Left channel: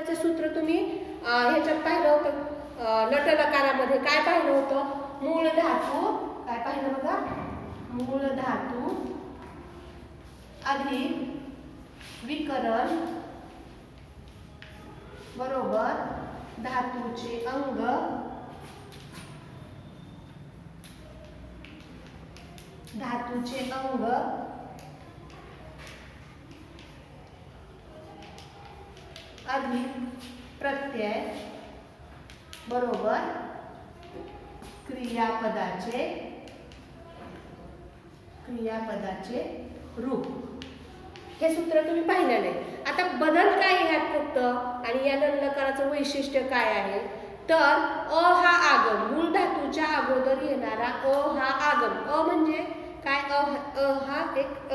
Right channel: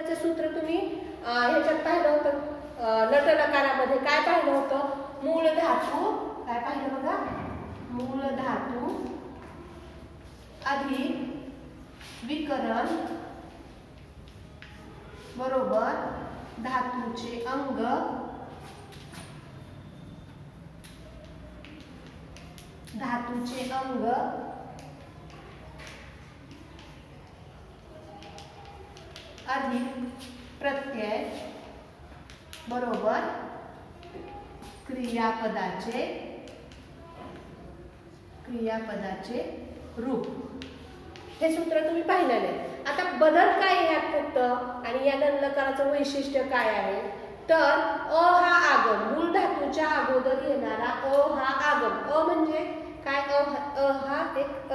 त्याचे सूत्र तुम्ही ह्याच्यात पाहिलं होतं, लटलकारामध्ये काय पाहिलं होतं? मूळ धातू, काय पाहिलं बघा? मूळ धातू अधिक विकरण बरोबर धातूचे अंग अधिक प्रत्यय बरोबर क्रियापदाचे रूप. हे सूत्र तुम्ही पाहिलं नाही. आता बदल काय आहे ह्यात फक्त, आणि या ललकाराचं वैशिष्ट्य काय आहे? तर अ हा आगम, मूळ धातूच्या अगोदर येणारा अ हा आगम. अ म्हणजे काय? अ हा एक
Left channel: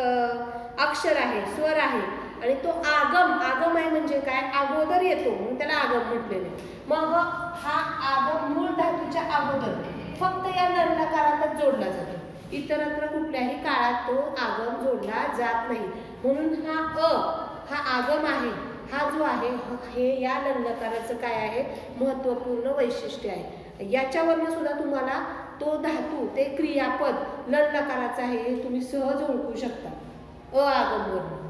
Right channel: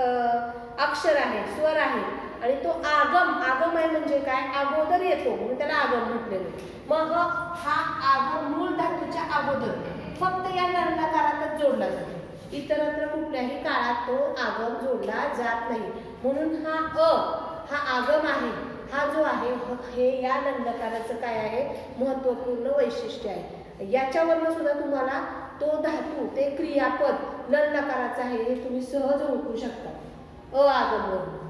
अक्षर आहे, स्वर आहे, आणि तो आगम आहे म्हणजे काय? अगोदर येतो म्हणून त्याला आगम म्हटलेले. मग हा आगम मूळ धातूच्या अगोदर फक्त या ललकारातच जोडला जातो. इतरत्र कुठल्याही काळात तो आगम जोडला जात नाही. म्हणून हा आगम आहे, हा जो आहे हे या ललकाराचं काय आहे? महत्त्वपूर्ण वैशिष्ट्य आहे. याच्यावरनं सुद्धा तुम्हाला तो धातू, ते क्रियापद ललकाराचं आहे हे तुम्ही सहज ओळखू शकता आगमवरून.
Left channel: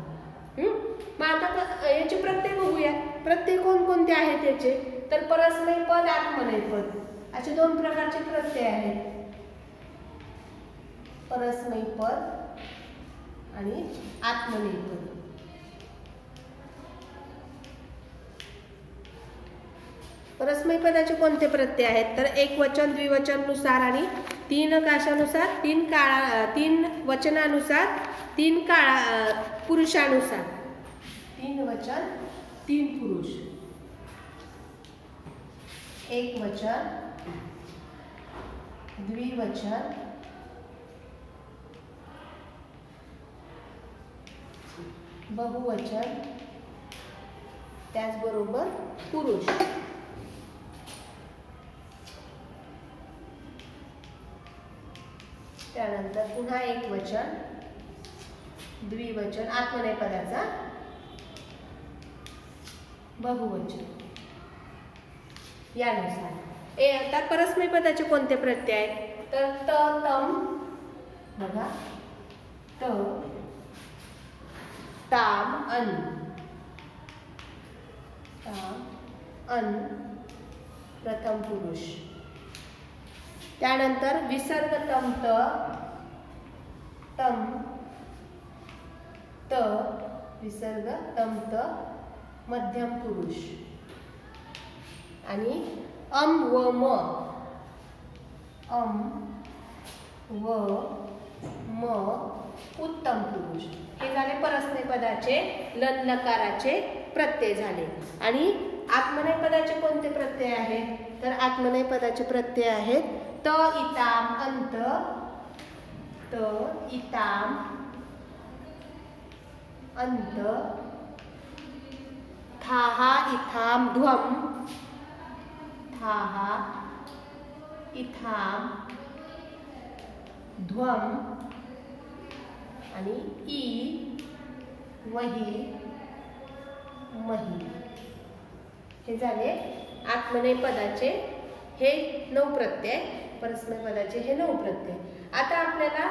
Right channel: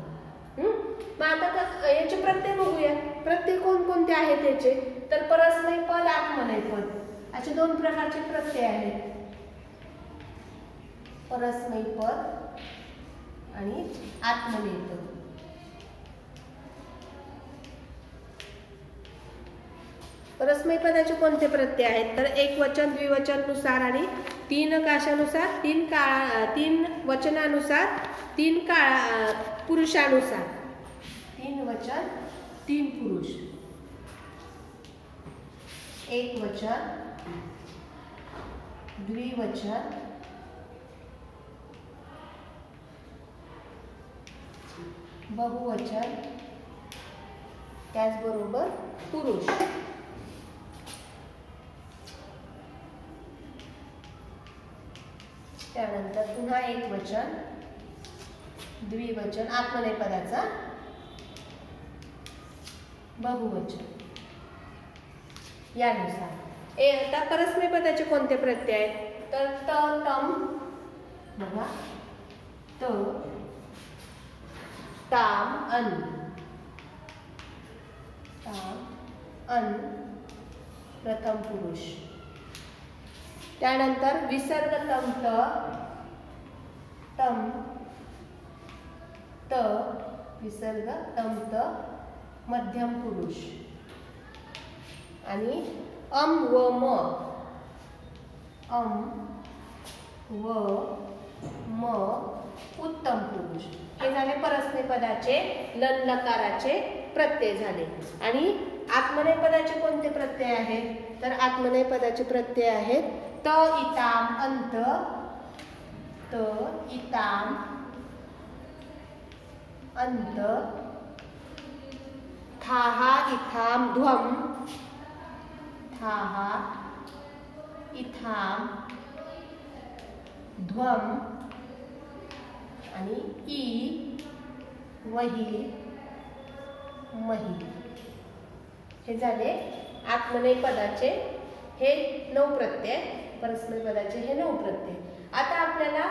मग आता याचे प्रत्यय बघूया. प्रत्यय कोणकोणते आहेत याचे? तर परस्मैपद पद, आत्मनेय पद असे दोन प्रकारचे प्रत्यय आहेत. परस्मैपद पद आणि आत्मनेय पद. परस्मैपदाचे पदाचे कोणते प्रत्यय आहेत? तर एक वचन द्विवचन नुसार आणि तीन काशानुसार, तीन वचनानुसार, पुरुषानुसार. तीन वचन तीन पुरुष. एक वचन द्विवचन बहुवचन त्याचबरोबर पुरुष. त्यानंतर पुन्हा एक वचन द्विवचन आत्मनेय पदाचा बहुवचन यानुसार. आता परस्मैपद पदाचे कोणते प्रत्यय आहेत? तर त, तम बघा, त, ताम, अन, प्रथम पुरुष. त्यानंतर विसर्ग तम, त, विसर्ग तम, त, मध्यम पुरुष. आणि अम व म, उत्तम पुरुष. हे झाले परस्मैपद पदाचे ललकाराचे प्रत्यय झाले. आणि आत्मनेय पदाचे कोणते प्रत्यय आहेत? तर आत्मनेय पदाचे प्रत्यय आहेत त, इताम, अंत, त, इताम, अंत, थाहा, इथाम, ध्वम, थाहा, इथाम, ध्वम, आणि ई, वही, मही. हे झाले आत्मनेय पदाचे हे 9 प्रत्यय, परस्मैपद पदाचे हे 9 प्रत्यय. आता आपल्याला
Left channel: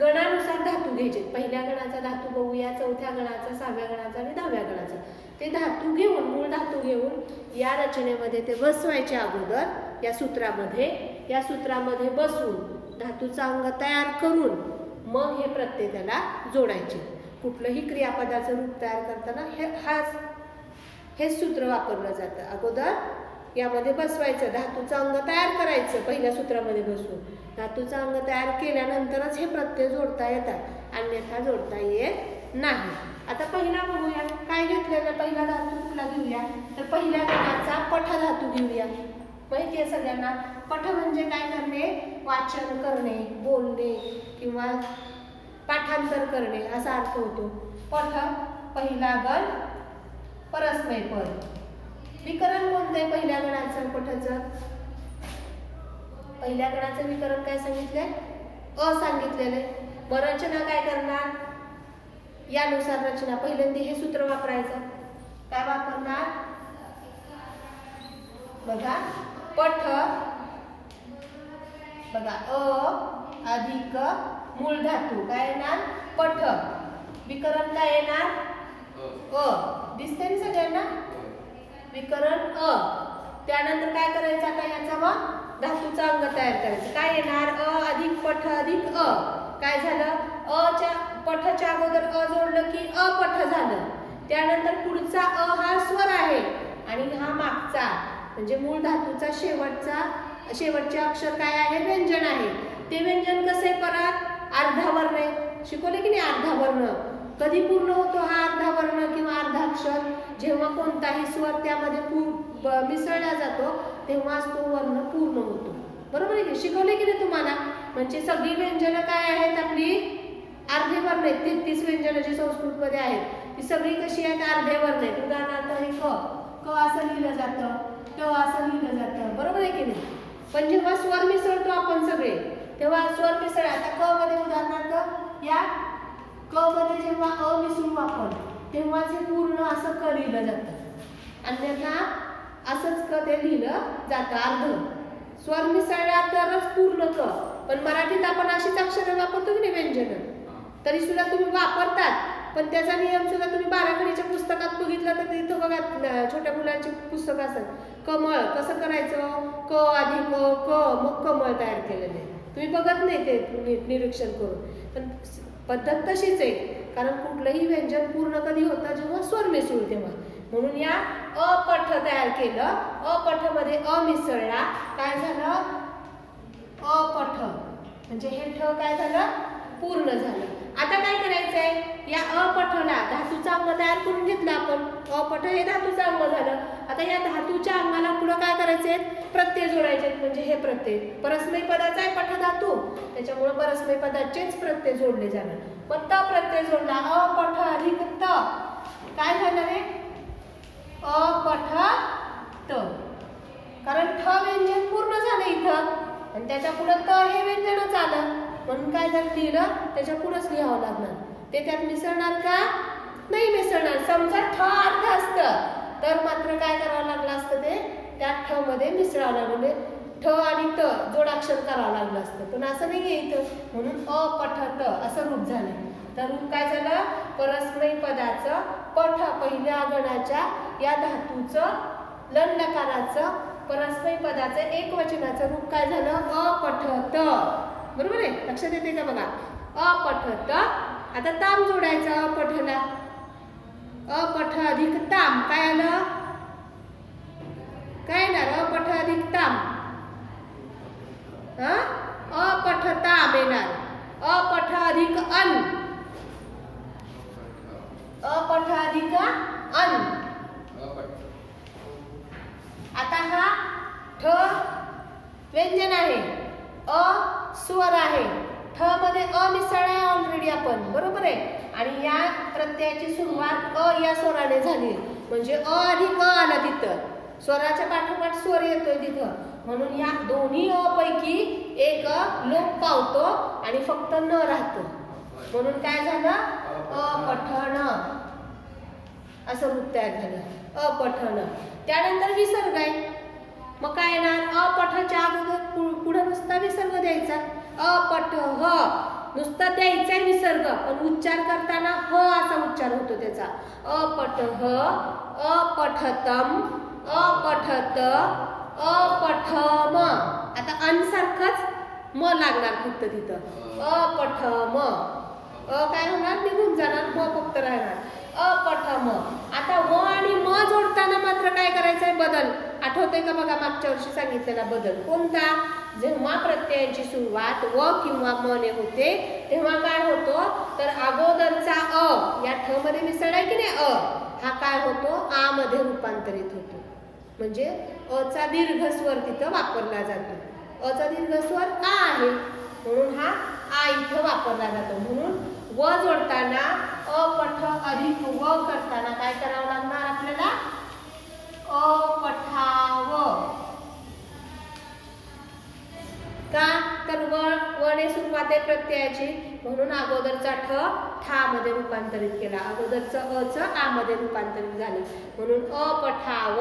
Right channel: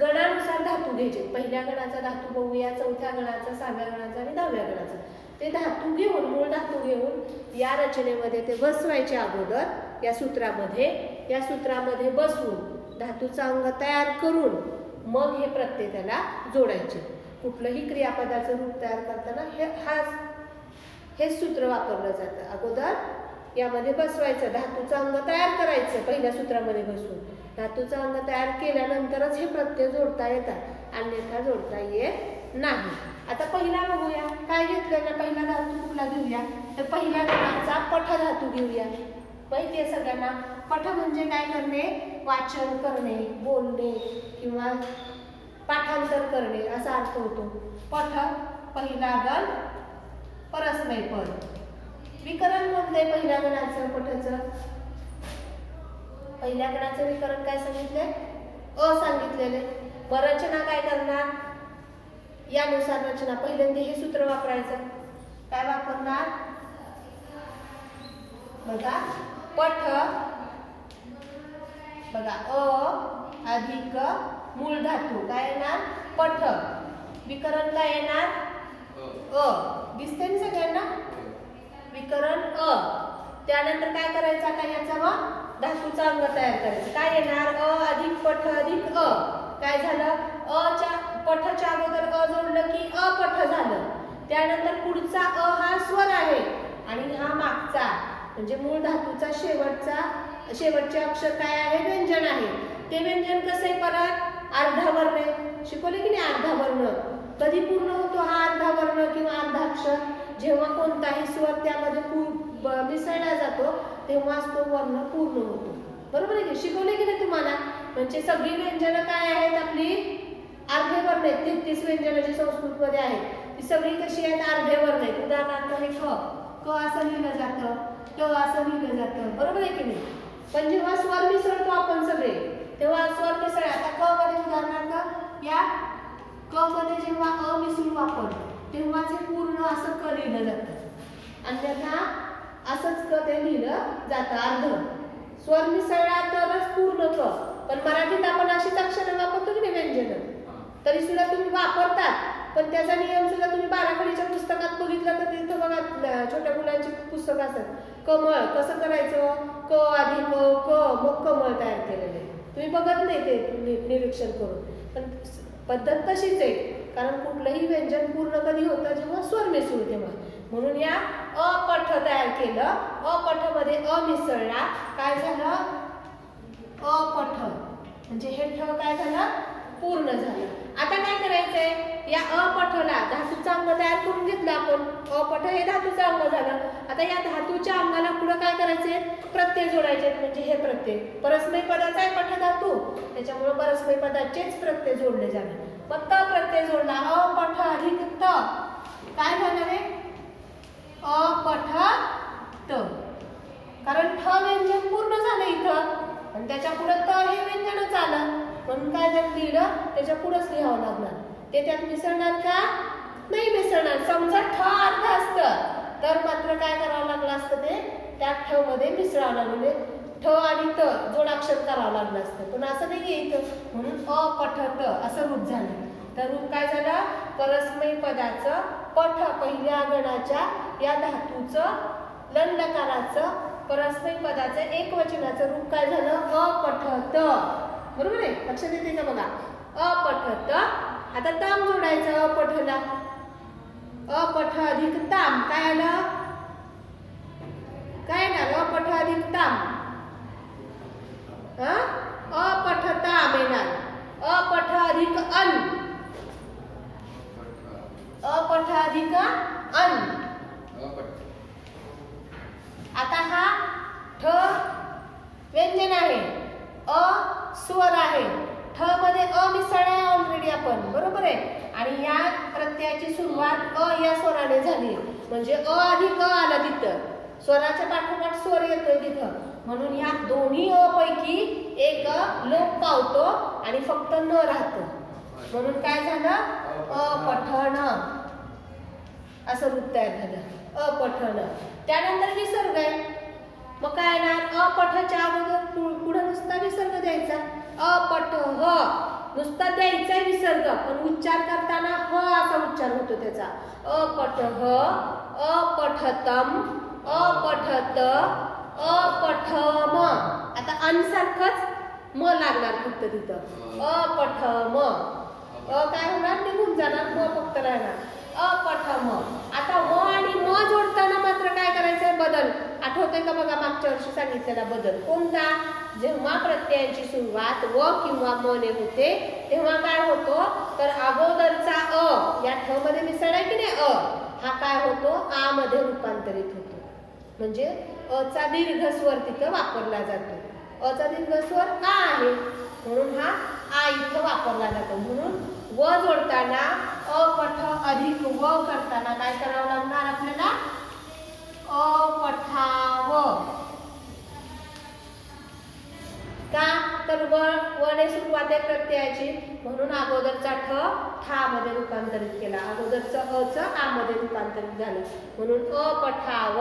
गणानुसार धातू घ्यायचे. पहिल्या गणाचा धातू बघूया, चौथ्या गणाचा, 6व्या गणाचा आणि 10व्या गणाचा. ते धातू घेऊन, मूळ धातू घेऊन या रचनेमध्ये ते बसवायचे अगोदर या सूत्रामध्ये बसवून धातूचा अंग तयार करून मग हे प्रत्यय त्याला जोडायचे. कुठलंही क्रियापदाचं रूप तयार करताना हेच सूत्र वापरलं जातं. अगोदर यामध्ये बसवायचं, धातूचं अंग तयार करायचं पहिल्या सूत्रामध्ये बसवून. धातूचं अंग तयार केल्यानंतरच हे प्रत्यय जोडता येतात, अन्यथा जोडता येत नाही. आता पहिला बघूया, काय घेतलेला पहिला धातू कुठला घेऊया? तर पहिल्या गणाचा पठ धातू घेऊया. माहिती आहे सगळ्यांना, पठ म्हणजे काय करणे? वाचन करणे, बोलणे किंवा पाठांतर करणे असा अर्थ होतो. पठ पहिला गण परस्मैपद. विकरण कोणते पहिल्या गणाचं? पठचं पहिल्या गणाचं विकरण काय सांगितले? अ सांगितलेले. रचना काय करणार? यानुसार रचना. पहिल्यांदा हे सूत्र वापरायचं. काय वापरणार? बघा पठ बघा अधिक मूळ धातू काय येणार पठ विकरण काय येणार दिसते ना सगळ्यांना विकरण त्यानंतर काय करायचं आता याचा मग धातूचा अंग तयार करायचं काय येणार अधिक पठ अधिक काय झालं च्या पठच्या अगोदर जोडलं की अपठ झालं त्यानंतर पुढचा हा स्वर आहे आणि हा मागचा म्हणजे मूळ धातूचा शेवटचे अक्षर काय आहे व्यंजन आहे ते व्यंजन कसे परत अर्धा वर्ण शिकवले की नाही अर्धा वर्ण कधी पूर्ण होतो हा अर्धा वर्ण किंवा अर्धा अक्षर जेव्हा कोणताही स्वर त्यामध्ये मिसळला जातो तेव्हाच तो वर्ण पूर्ण होतो बरोबर आहे शिकवले की नाही तुम्हाला म्हणजे सगळी व्यंजनं काय आहेत आपली अर्धे वर्ण आहेत 33 व्यंजनं जी संस्कृत मध्ये आहेत ती सगळी कशी आहेत अर्धे वर्ण आहेत उदाहरणार्थ हे क असं लिहिलं जातं त असं लिहिलं जातं बरोबर आहे की नाही पण जेव्हा स्वर मिसळतो आपण सगळे तेव्हा स्वर मिसळ आता क मध्ये उदाहरणार्थ या क मध्ये जेव्हा मिसळू आपण तेव्हाच हे पूर्ण असं क लिहिलं जातं आणि त्यांना असंच क ते लिहिलं जातं अर्ध स्वर मिसळला तरच पूर्ण क पण मराठीत आपण अशीच अक्षरे वापरतो की नाही व्यंजन तरी सुद्धा तुम्ही वापरतात पण त्याचा नियम सुद्धा तुम्ही बाराखडीच्या पुस्तकात बघितलं तर तिथं बघा छोट्या मुलांची पुस्तक असतात कमळ कसं करायचं क आधी क मग कमळ तयार केलेले तुम्ही बघत नाही ते निरीक्षण करून पण पद्धत तशीच आहे कारण कुठलंही व्यंजन पूर्ण कधी होतं जेव्हा स्वर मिसळू तेव्हा म्हणून या अपठ तयार केलं अपठ मध्ये मिसळला काय झालं अपठ म्हणजे हे ठ काय झालं पूर्ण झालं आता काय करायचंय या अपठला धातूचा अंग तयार करून घेतला आपण अपठ हे धातूचं अंग झालं आता या धातूच्या अंगाला पुढे काय करायचंय प्रत्यय जोडायचे म्हणजे हे प्रत्यय परस्मय पदाचा आहे पठ धातू त्याच्यामुळे परस्मय पदाचेच प्रत्यय जोडले जाणार पण त प्रत्यय जोडला अपठ अधिक त काय झालं रे अपठ त कारण ठ व्यंजन पूर्ण झालं इथं आणि त्याच्या पुढे त हे व्यंजनच आलं म्हणून काय झालं लिहिलं त्याच्या पुढेच लिहावं लागणार ते त्यात मिसळणार का नाही मिसळणार समजा ठ अर्ध असतं तर मात्र काय करावं लागलं असतं ते त्या ठ मध्ये मिसळावं लागलं म्हणजे ठ आणि त जोडाक्षर करावं लागलं असतं पण असं नाहीये इथं म्हणून अपठ त असं रूप झालं तर रूप काय झालं परस्मय पदाचं पठ पहिल्या गणाच्या या धातूचं लन लकाराचं परस्मय पदाचं एकवचनाचं रूप काय झालं अपठत बरोबर आहे लक्षात येते का बघा अपठत आता ताम जोडायचं अपठला अपठ अधिक ताम काय आलं काय येणार अपठ अधिक ताम अपठ ताम येणार अपठ अधिक अन अपठ अधिक अन आता हा ठ व्यंजन आहे स्वर आहे ठ मध्ये मिसळ आहे ऑलरेडी आपण बरोबर आहे आणि या प्रत्ययाची सुरुवात या स्वराने झाली म्हणजे अधिक आला तिथं स्वराच्या पाठोपाठ स्वर येतोय तिथं म्हणून या दोन्ही पैकी एक लोप पावतो आणि फक्त न राहतो म्हणून काय झालं अपठण असं रूप तयार झालं अपठण त्यानंतर विसर्ग आहे मग काय येणार अपठच्या अगोदर पुढे नुसता विसर्ग द्यायचा अपठ ह नुसता द्यायचा विसर्ग पण उच्चार करताना ह असा उच्चार होतो त्याचा अपठ ह अपठतम अपठत अपठम आता अन सारखंच म लागणार फक्त तिथं अपठम काय होणार निघून जाणार म फक्त राहणार अपठम आता व आणि म जोडताना मात्र काय करायचंय बदल आठवते का बघा मागच्या वर्षी सांगितलेला बदल कोणता जेव्हा प्रत्ययाची सुरुवात व किंवा म ने होते तेव्हा काय होतो तर अगोदरचा या ठ मध्ये मिसळलाय की नाही हा काय होतो आ मध्ये रूपांतरित होतो म्हणजे चा दीर्घ स्वर तिथं वापरला जातो चा दीर्घ स्वर का आहे म्हणून हा आ इथं वापरला जातो म्हणून व जोडताना अपठ अधिक व करताना काय करावं लागणार आपल्याला अपठाव का तर वने सुरुवात आहे प्रत्ययाची म्हणून अगोदरचा ठा मध्ये रूपांतरित केला अगोदरचं आ मध्ये रूपांतरित झाले म्हणून अपठाव